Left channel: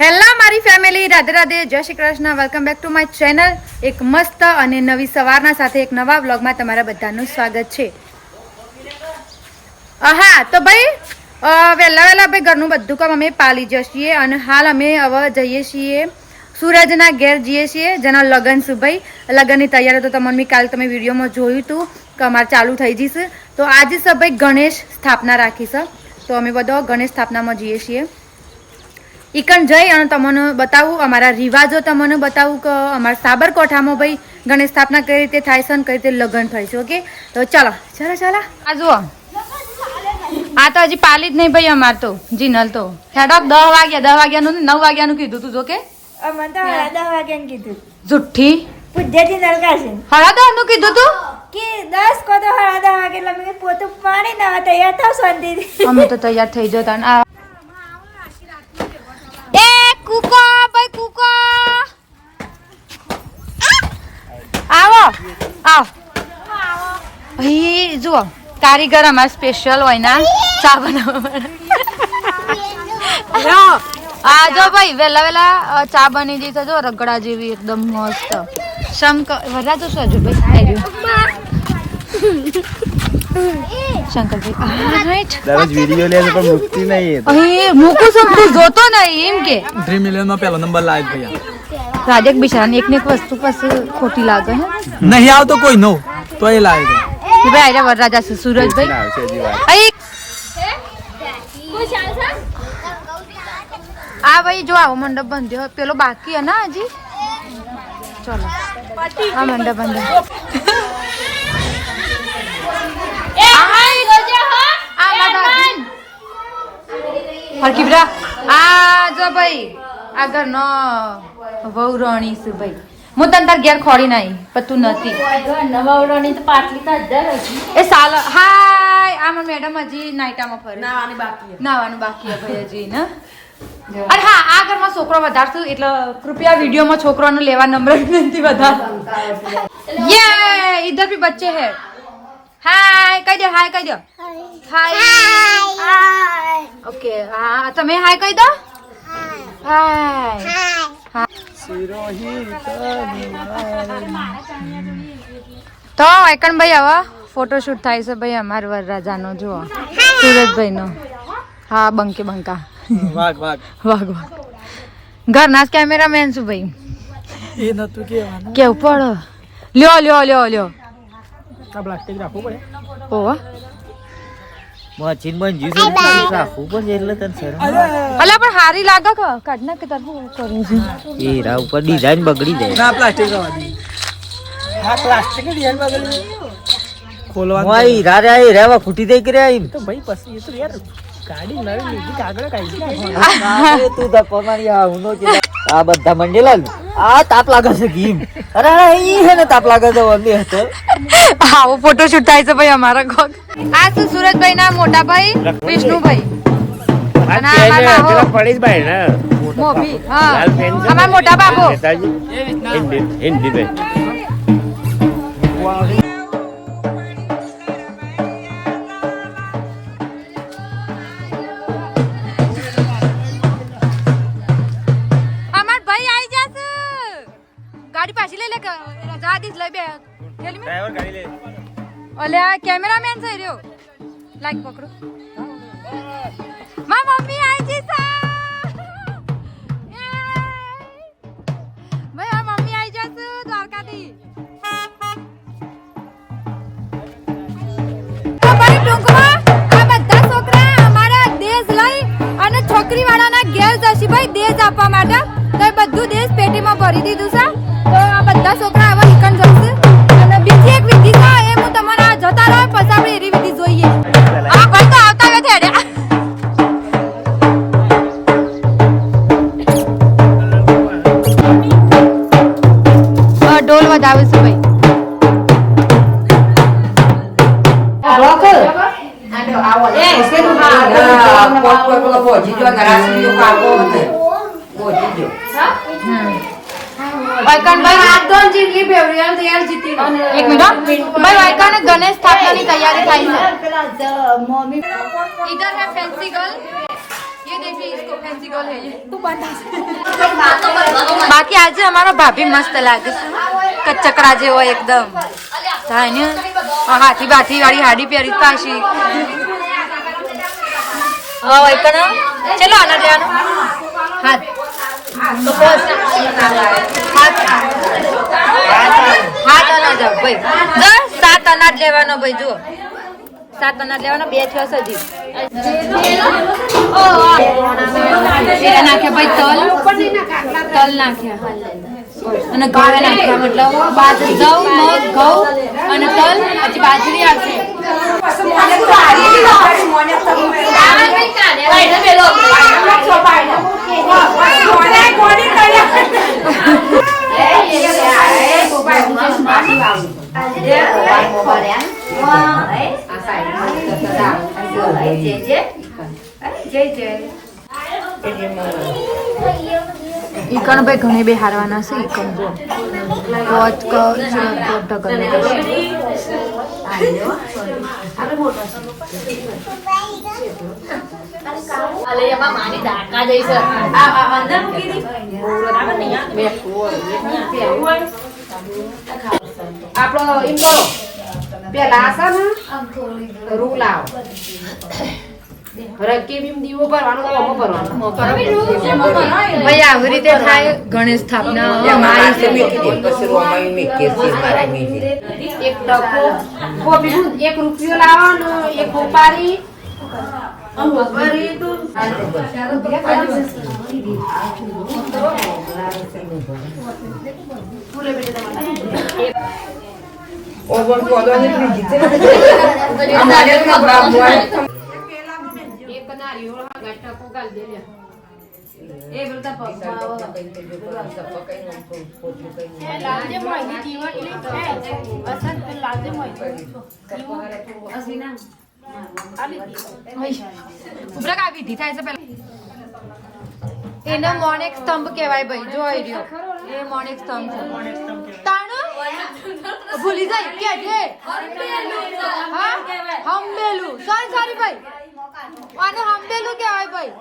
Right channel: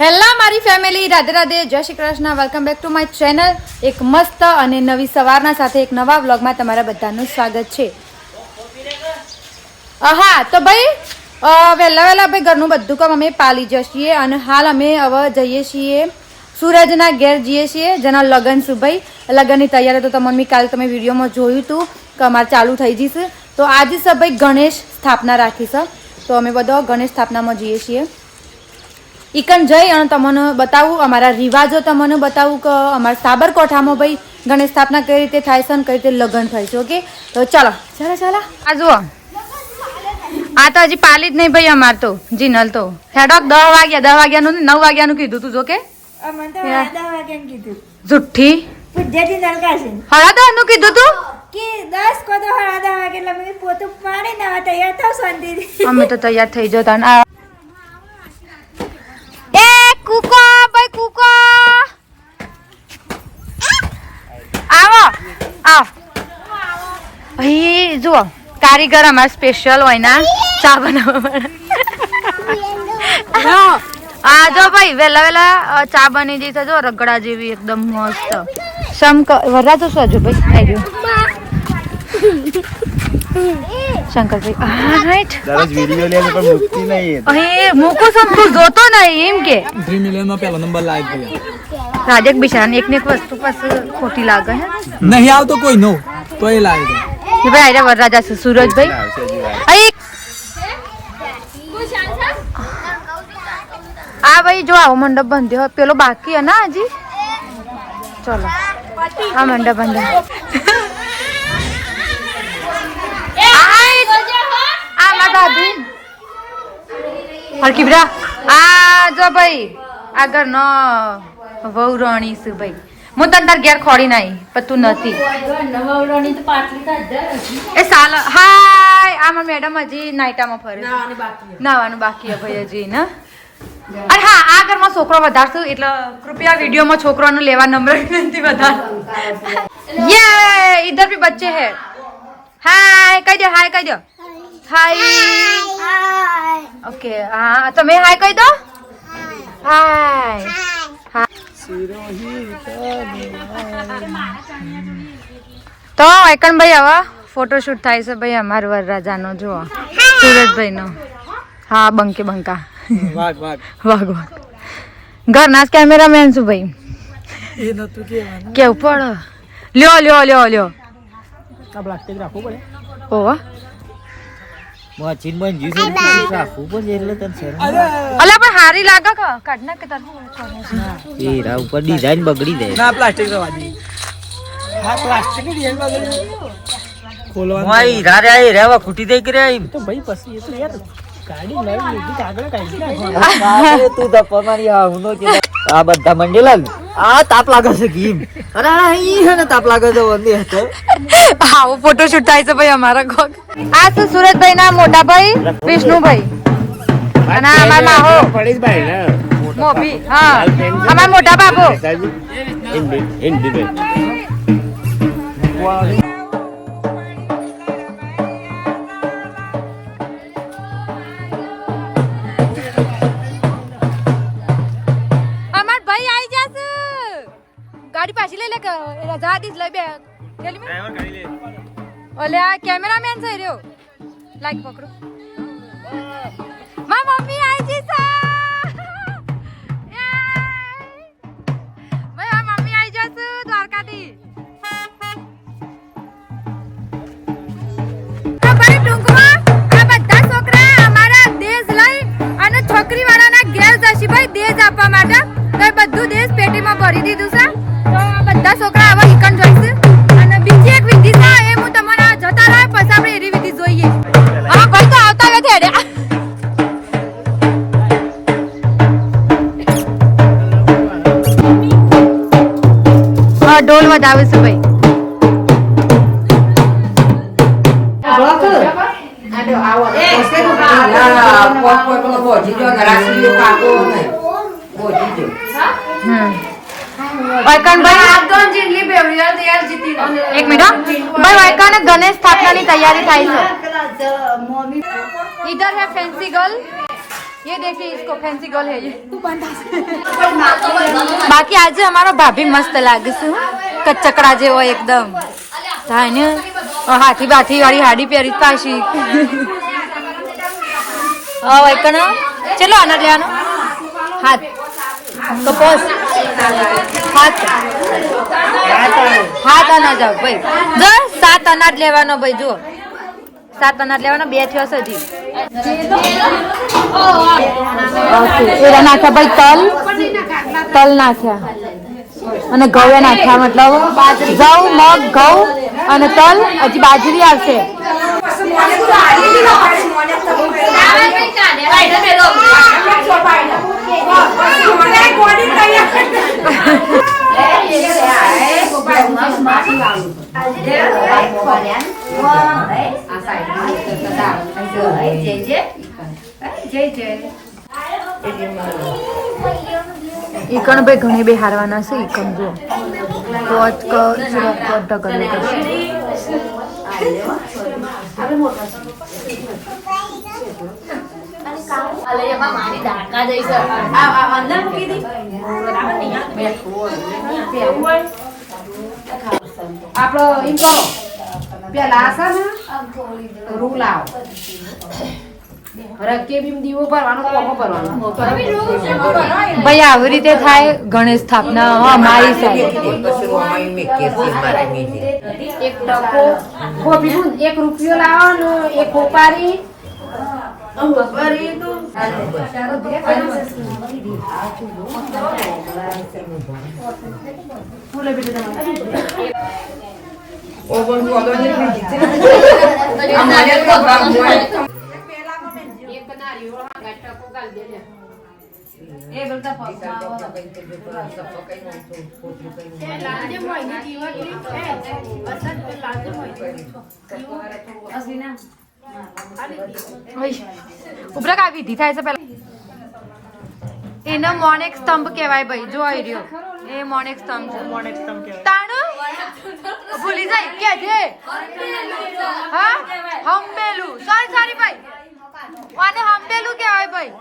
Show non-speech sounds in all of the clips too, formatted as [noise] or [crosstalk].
Hello, મારી family Radhe Radhe. Jai Shri Krishna. Welcome back to my channel એક મસ્ત અને નવી સવારના સાથે એક નવા વ્લોગમાં તમારા બધાનું સ્વાગત છે. હા તો ભાઈ વહેલા વહેલા ભાઈ ઘરનું બધું કામ અમે પાલી જઈએ અને હાલ અમે હવે જઈએ છીએ સૂરજના ઘેર જઈએ છીએ, જેના લગ્ન છે ભાઈ? લગ્નની તૈયારી તો તમને મેં કાલે તમે વિડીયોમાં જોયું હતું કે અમારે ચાલુ થઈ જઈશ તો આજે સર ભાઈ ગણેશ સ્થાપના રાખીશ તો અમે બધો ગણેશ સ્થાપનામાં જઈએ છીએ. ઈકન જઈ અને તમને બતાવું અમારા રિવાજો તમને બતાવું કે અમારા સાબરકોઠામાં ભાઈ ગણેશ સ્થાપના કઈ રીતે થાય છે અને કઈ રીતે લગ્ન થાય છે ઓકે? તો ચાલો ચાલો ચાલો. આ જુઓ. આ તો હજી પાલી જ નહીં ભાઈ અમાર તો જીનલ તો. હેડોક દસ વાગ્યા દસ વાગ્યાનું નું નવ વાગ્યાનું કીધું તું જો કે જુઠ્ઠી પૂજ્યથી નરકાશે હળા દસનું કીધું તું? કે દસ કો તો હળા વાગે એટલે મેં પાણી ના તૈયાર થાવ શાંતિથી. અમે તો તૈયાર થઈ જતા અને આ- એ કૂકો ભાઈ કૂકો આવો આવ અહીં જુઓ કારીગર અમારા સ્પેશિયલ હોય ના ચા બનાવવા જો ભાઈ વેલા વેલા ચા બની જઈ જો રગડા જેવી એકદમ મસ્ત. શંક વરરાજો શું હજુ ભાઈ? આવી શંકરભાઈ રાઈટ દરરોજ લે પણ મુકતી નહીં અહીં મૂકું છું તું જોતો નહીં એમ કે. ડ્રીમ મિલિયનમાં પહેલો નંબર લાવ ભૈયા રાજક બિચારા એક ને એક વસ્તુ પાસે ખોટી લાગે હે. નહીં આવતો કોઈ નો તો એ કે ભાઈ આયરા વરરાજા છું સુરજભાઈ. અહીં આ ભાઈ જો આવો મંડપ બંધ્યો પેલો બાકી હે ના હજી ચલો આ મંડપ બંધ્યો. હરકી બરા. આ જો ભાઈ આ ઘરનો વહુ રાણી છે ભાઈ. હું તને તાર ઘેર ખોડી નાઈ પણ તું નથી. એ સાલ હાય આમાં મેડમ હજી નાઈટામાં ફરે. નાવાનું બાકી ભાઈ હજી ને? અરે હા આ ઘરમાં છોકરો વધારશું એટલે કૃપયા વિડીયોમાં છોકરાનું લેવા નંબર વિનંતી વધાર. યે ઇધર ભી બચ્ચે હે. હાય કહી દો હાય કહી દો. હાય ઓકે હા તમે હાય કહી દો? હાય તો એકનભાઈ હવે ફોટોશૂટ થાય છે ભાઈ અમારા વરરાજાનો જુઓ. સુરજભાઈનો. હા બંકે બંકા. વાઘ વાઘ. વાઘ ઘરના જ કેમેરામેન છું ભાઈ. એ નતું કેવાનું કેવું પડે? લ્યો લ્યો લ્યો લ્યો. આ રાખવું પડે. એટલે તને શરમ અલા પણ હારી લાગે કે કાઢ કે તારું કરું છું એ રા ઉપર ડિઝાઇન બગડી જાય. ના પ્લાસ્ટિક જવા હા પ્લાસ્ટિક ડિઝાઇન બગડી. રે ખૂટી દઈ કે રે આઈ? તો ભાઈ પછી એટલે યાર ગાડી નવી લીધી કાગળ કાઢી તું આ હુનો આ બધા મંડેલા ને આ તાપ લાગે છે ગીમ. અરે અહીં હે ને તાપ લાગે છે વંદે હતો. આવો ફોટોશૂટ થાય છે ભાઈ અમારા ઘર. આ છે સુરજભાઈ ના મોટા ભાઈ વિષ્ણુભાઈ. અને આ અમારા ને મોભી હા. અમારા મોટા બાબો અમાર લે કે રજા દીસ લઈ બે. ઓલે આ કેમેરામેન થઈ રહ્યો. લાઈક પકડો. મા મમ્મી આવી ગઈ સા મમ્મી આવી જશે દ્વારકાથી. ટૂંકમાં એક મિનિટ હો. ભાઈ વાયકાને ગણેશ સ્થાપનાની તૈયારી થાય છે इधर है फैंसी गर्ल ये देखिए इसको फैंसी गर्ल है ये બાકી આજે અમારો ભાભી મસ્ત લાગે છે કચકડા જેવો એકદમ થાય ને હાથી બાથી વાળી હાડી પહેરી પાછી હવે કણ. ચલો આનંદ લેવાનો. હાથ. તો પોસ હાથ. હાથ અનાજ આવ, ભાઈ. જો, સાત અનાજ લેવાનો ભાઈ, જુઓ. સાત અનાજ લેવાનો, બે થયો છે હજી. એરા નાખ્યા ભાઈ તલ. તલ નાખ્યા. અને ઘઉં નાખ્યા, મતલબ ઘઉં, મગ, ઘઉં અને તલ હજી બાજરી આવશે. ઈકણ ભાઈ ઘણી બે હારવાના છે ઈકણ જો પોચ ક સુરત કોટ ઢગલ કરશે આપડો એમ કરો. પેલા આસા ને રૂ લાવો. રકે બીમ દીવો ભરવાનો કોમો ભરવાનો? ભાઈ આવી રીતે થાય ગણેશ સ્થાપના અમારી એક કોપી એક રૂપિયો લાવવાનો એક કોપારી એક નારિયેળ હા ગાલ દે લે ઉપરા કા વિધિ થાય છે પેલા. એનો મોનેક સ્તંભ કહેવાય ભાઈ જો આવી રહ્યો. એ મોનેક સ્તંભ છે. તાણું? ભૂલી જાય કે છે? હા હંબેલું સોરી સોરી ભાઈ. આને હંબેલું કહેવાય ભાઈ.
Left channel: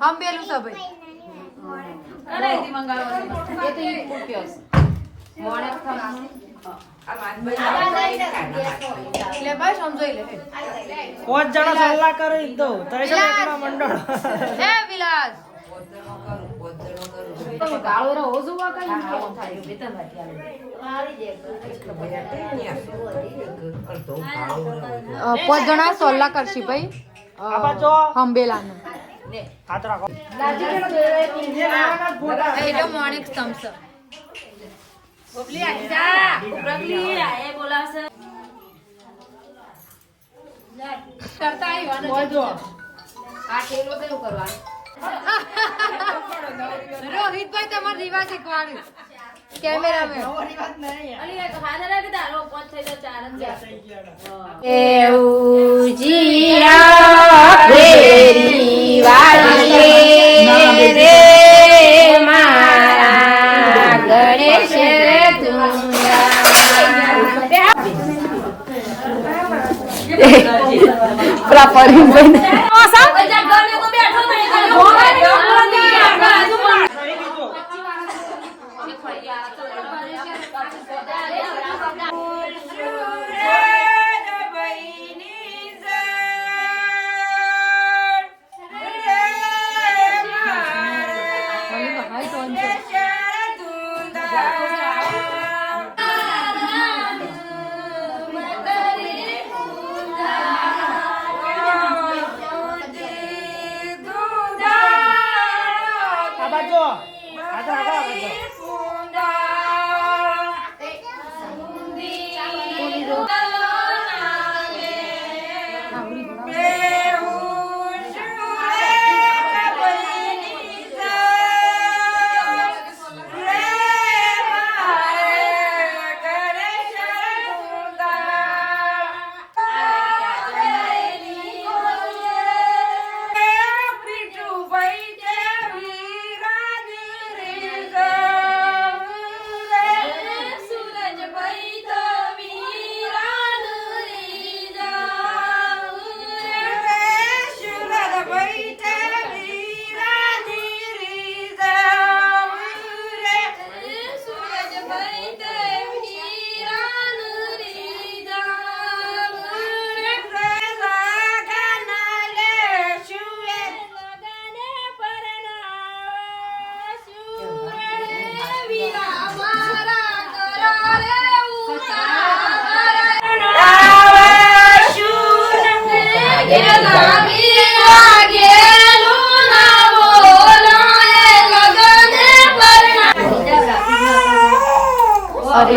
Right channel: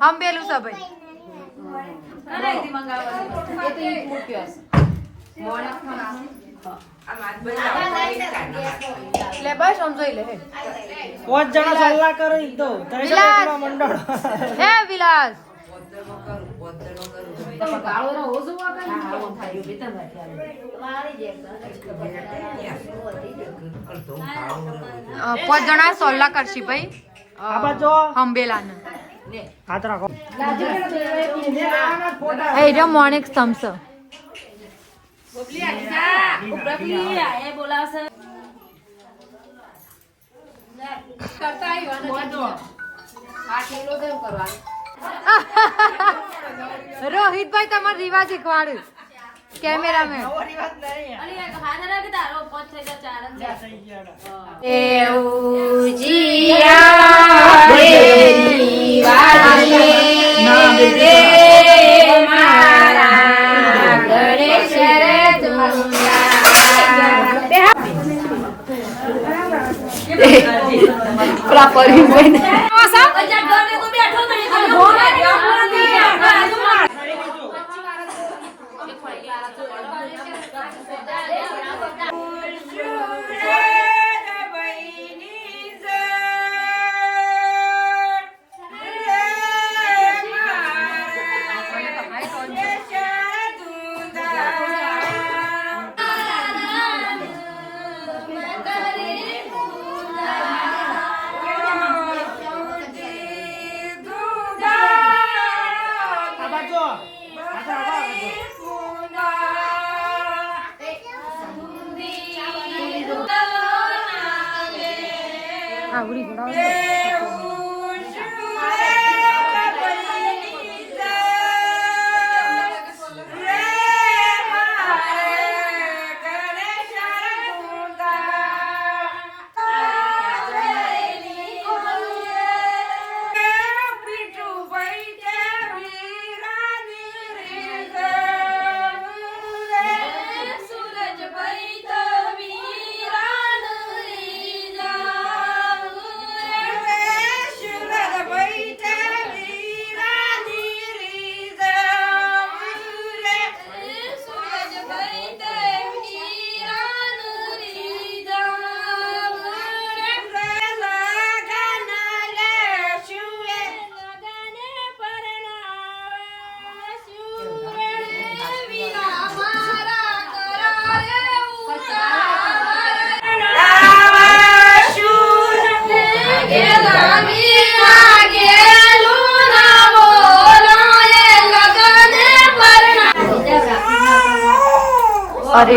હંબેલું છે ભાઈ. એ તો એક રૂપિયો હશે મોણે લે બસ સમજાઈ લે પાંચ જણા સલ્લા કરે તો મંડળ. હે વિલાસ. ગાળો રહો જોવા કઈ અ, પાંચ જણા સોલ્લા કરશી ભાઈ. હંબેલાને. એનો મોનેક સ્તંભ છે કરતા આવ્યો ને આ ઠેલો કેમ કરવાનું. રોહિત [laughs] રોહિતભાઈ તમારે રીવા શીખવાડ્યું. કેમેરામેન. પ્રોપર હિન્દ God.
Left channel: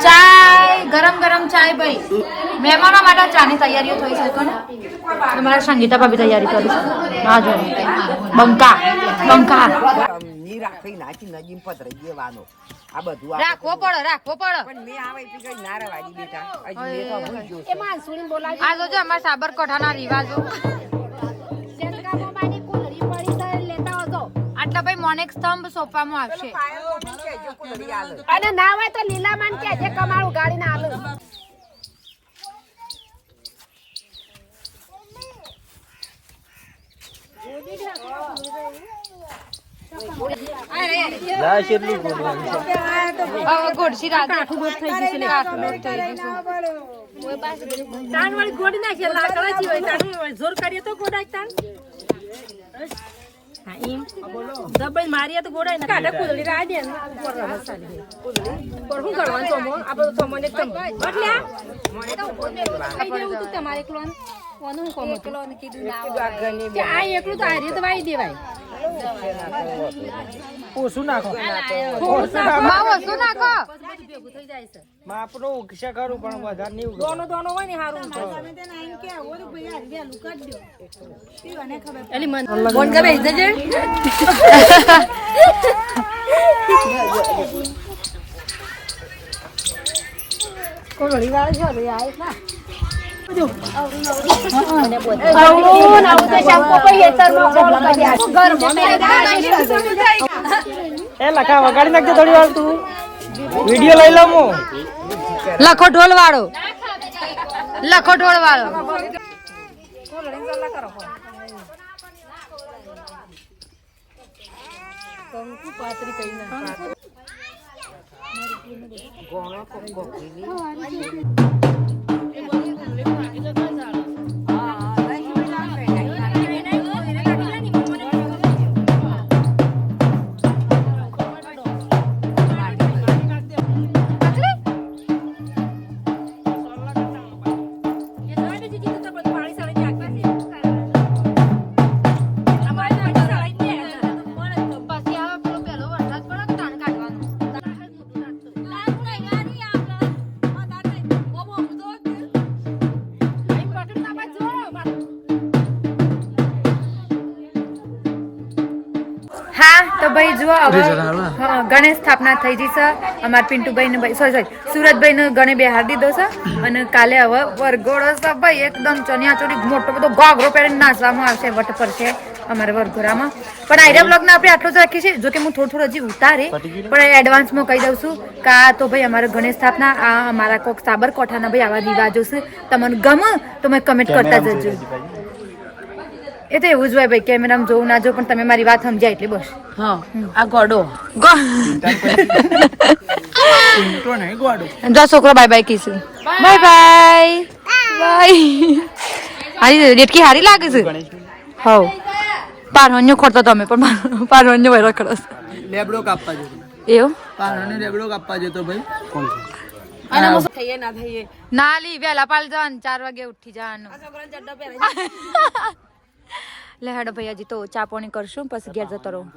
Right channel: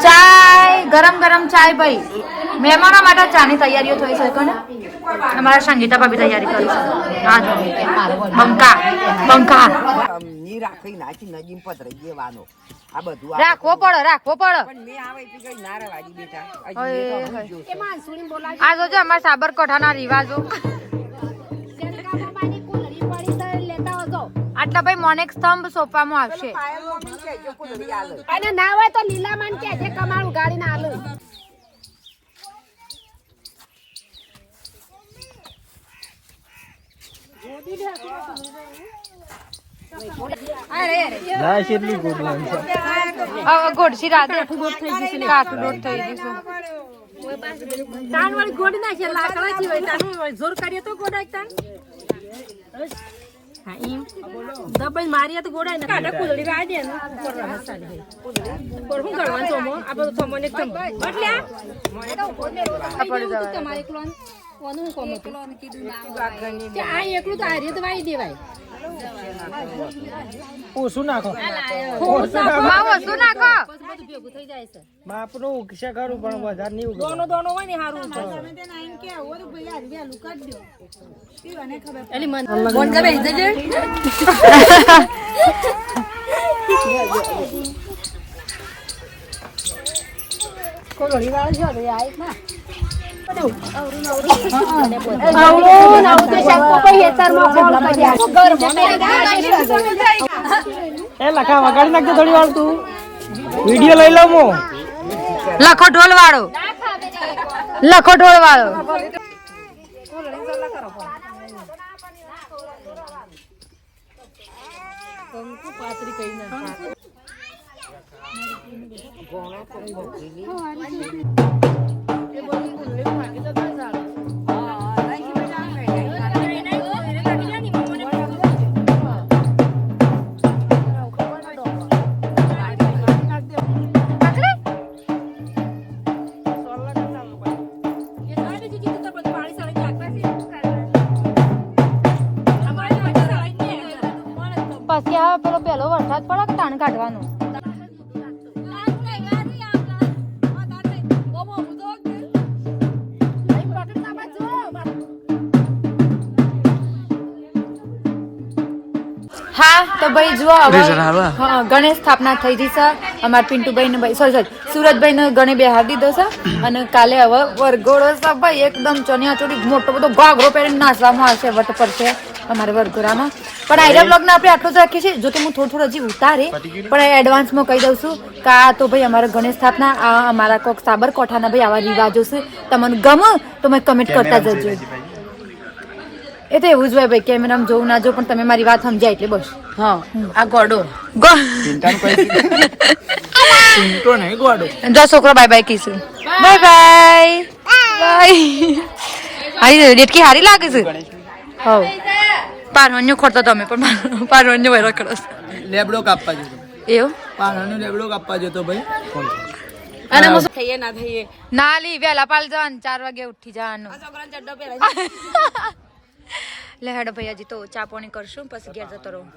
ચાય, ગરમ ગરમ ચાય ભાઈ. મહેમાનો માટે ચાની તૈયારીઓ થઈ શકે ને અમારા સંગીતા ભાભી તૈયારી કરી હા જો, બંકા બંકા. રાખી નાખી નજીમ પતરાઈ દેવાનો. આ બધું રાખવો પડે રાખવો પડે પણ મેં આવે એટલી કઈ ના રવાડી બેટા. આ જોજો અમારા સાબરકાંઠાના રિવાજો. આટલા ભાઈ મોનેક સ્તંભ સોંપવામાં આવશે. આલે. અને ના હોય તો લીલામાન કે જે ગોડી ગાડી ના આલું હવે ગોડસી રાતે કાઠું દોટ થઈ કાઠું થઈ જશે તાન વાળી હોય તાનું જોર કરીએ તો ગોડાય તાન. દબાઈ મારીએ તો ગોડાય ના. કાઢે કુદડી રાઈ દે કોણ ગળવા ચોમો આ બધું તો ને ચોમો એટલે તમારે એકલો કોનું કોમ હતું. આ એકલું તો હારીએ તો વાઈ દેવાય. ઓછું નાખો. માં વસ્તુ નાખો? માપનું ઉકસા કરું પણ વધારે નહીં દોનો દોનો હોય ને હારું એલી મન બોન કા બેસી જજે એ લખા વગાડી નાખજો થોડી વાર તું વીડિયો લઈ લાવો લખો ઢોલ વાળો લખો ઢોલ વાળો ગોળો કોક 我一直没买你在干 તો ભાઈ જુઓ હવે હા, ગણેશ સ્થાપના થઈ ગઈ છે. અમારા પિન્ટુભાઈ ને ભાઈ સોરી સોરી સુરતભાઈ ને ગણે બેહાર દીધો છે. અને કાલે હવે વરઘોડો છે ભાઈ એકદમ ચણિયા ચોળી મોટો બધો ઘાઘરો પહેરીને નાચવામાં આવશે વટ પર છે અમારે વરઘોડામાં. પણ આઈડિયા બ્લોગ ને આપણે આટલો જ રાખીએ છીએ જો કે હું થોડું થોડું હજી ઉતારે પણ એડવાન્સમાં કહી દઉં છું કે આ તો ભાઈ અમારા ગણેશ સ્થાપના આ અમારા કોક સાબરકોઠાના ભાઈ આવા રિવાજો છે. તમને ગમે તો મેં કમેન્ટ કરતા જજો. એ તો એવું જ હોય ભાઈ કેમેરામાં જોવું ના જો પણ તમે મારી વાત સમજાય એટલે બસ. હા આ ગોડો. ગો નહીં ગોડો. જો છોકરો બાય બાય કીશું. બાય બાય બાય હારી ડેટકી હારી લાગે છે? હવ. પારણ્યો ખોરતો તમે પણ પારણ્યો કરો છો. લેબડો કાપવા જતો. એવું? પારણ્યો લેબડો કાપવા જતો ભાઈ. ના લી વહેલા પાલ જવાનું ચાર વાગે ઉઠી જવાનું. [laughs] લે હેડો ભાઈ હજી તો ચા પાણી કરશું પછી ઘેર જતો રહું.